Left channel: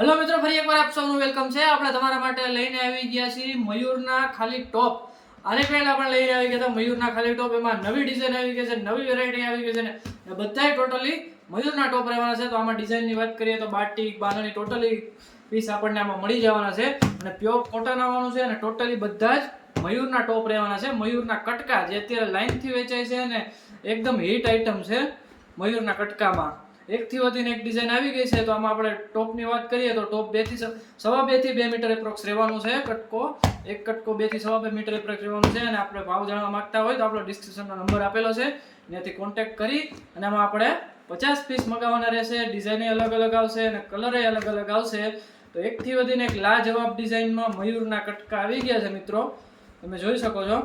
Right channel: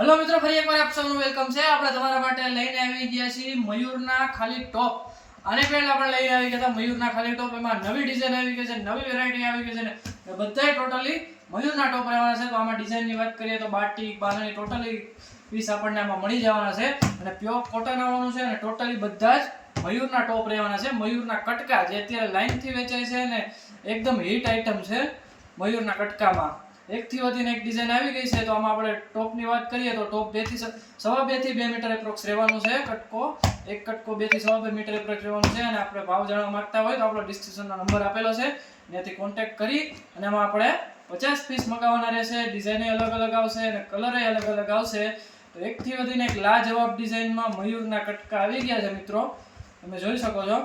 Hello મિત્રો, ફરી એકવાર આપ સૌનું વેલકમ છે. આપણે તમારા માટે લઈને આવી ગયા છીએ મયુરના ખાલી ટોપ આને પહેલા આપણે લઈને આવી ગયા હતા મયુરના ખાલી ટોપ એમાં નવી ડિઝાઇન આવી ગઈ છે, નવી વેરાયટી આવી ગઈ છે ને બધાય ટોટલી મયુરના ટોપ રહેવાના છે. તો આમાં ડિઝાઇનની વાત કરીએ તો બાટી, બાનાની ટોટલી પીસ આપણને આમાં મળી જવાના છે. અને પ્યોર કોટન આવવાનું છે અને ટોટલી બધા જ મયુરના ટોપ રહેવાના છે. મયુરના કટકા જે અત્યારે લાઇનથી વેચાય છે ને, એકદમ હિટ આઇટમ છે મયુરના કટકામાં. એકથી વધીને એક ડિઝાઇન આવી ગઈ છે, તો આમાં આપણે ટોપની વાત કરીએ તો ટોપ બેથી સવા બેથી બે મીટર એપ્રોક્સ રહેવાનું છે, કટકો. એક કટકો બેથી સવા બે મીટર એપ્રોક્સ રહેવાનું છે, અને આપણે ભાવ જાણવા માંગતા હોય તો આપણો ડિસ્ક્રિપ્શનનો નંબર આપેલો છે. ત્યાંથી કોન્ટેક્ટ કરી, અને એમાં આપણે પચાસ પીસ મગાવવાના રહેશે ડિઝાઇન અલગ અલગ આવશે, અને કલર અલગ અલગ આવશે. તો એકથી વધીને એક લાજવાબ ડિઝાઇનમાં મયુરના કટકા આવી ગયા છે, મિત્રો. તમે જોઈ શકો છો.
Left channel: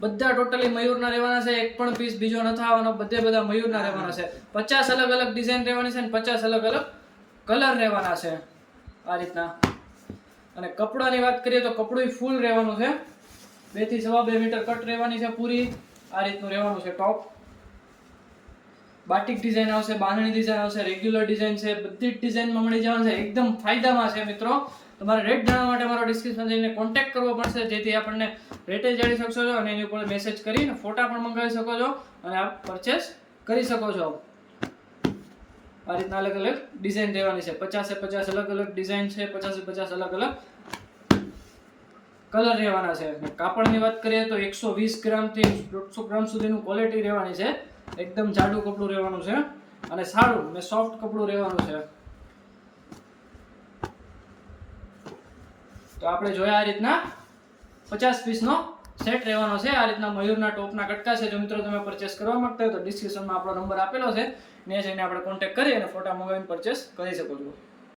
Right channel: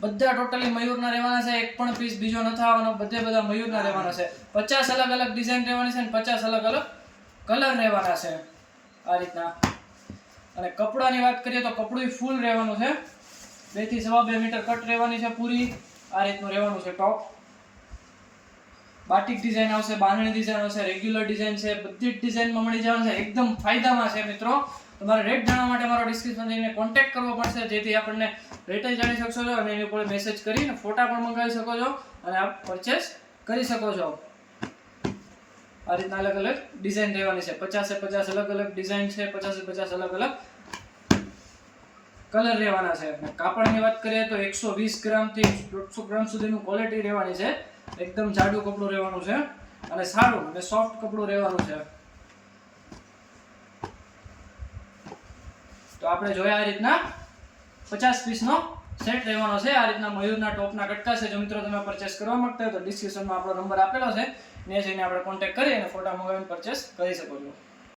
બધા ટોટલી મયુરના રહેવાના છે, એક પણ પીસ બીજો નથી આવવાનો, બધે બધા મયુરના રહેવાના છે. પચાસ અલગ અલગ ડિઝાઇન રહેવાની છે અને પચાસ અલગ અલગ કલર રહેવાના છે આ રીતના. અને કપડાની વાત કરીએ તો કપડું ફૂલ રહેવાનું છે. બેથી સવા બે મીટર કટ રહેવાની છે પૂરી. આ રીતનું રહેવાનું છે ટોપ બાટિક ડિઝાઇન આવશે, બાંધણી ડિઝાઇન આવશે રેગ્યુલર ડિઝાઇન છે, બધી જ ડિઝાઇનમાં મળી જવાનું છે. એકદમ ફાયદામાં છે મિત્રો. તમારે રેટ જાણવા માટે મારો ડિસ્ક્રિપ્શન જઈને કોન્ટેક્ટ કરવો પડશે. જેથી આપણને રેટે જાણી શકશો છો અને એની ઉપર મેસેજ કરીને ફોટા પણ મંગાવી શકો છો અને આપ પરચેસ કરી શકો છો. આ રીતના અલગ અલગ ડિઝાઇન રહેવાની છે. પચાસે પચાસ અલગ અલગ ડિઝાઇન છે. પચાસે પચાસ અલગ અલગ કલર રહેવાના છે. કાપડની વાત કરીએ તો એકસો વીસ ગ્રામથી દોઢસો ગ્રામ સુધીનું ક્વોલિટી રહેવાની છે. એકદમ જાડું કપડું રહેવાનું છે અને સારું અને સોફ્ટ કપડું રહેવાનું છે. તો આપણે જોયા આ રીતના પચાસ પીસનો સેટ રહેવાનો છે. આ રીતના મયુરના ટોપના કટકા છે. જો મિત્રો તમે પરચેસ કરવા માગતા હોય તો ડિસ્ક્રિપ્શનમાં આપણો નંબર આપેલો છે. ને જઈને આપણે કોન્ટેક્ટ કરી અને ફોટા મંગાવીને પરચેસ કરી શકો છો.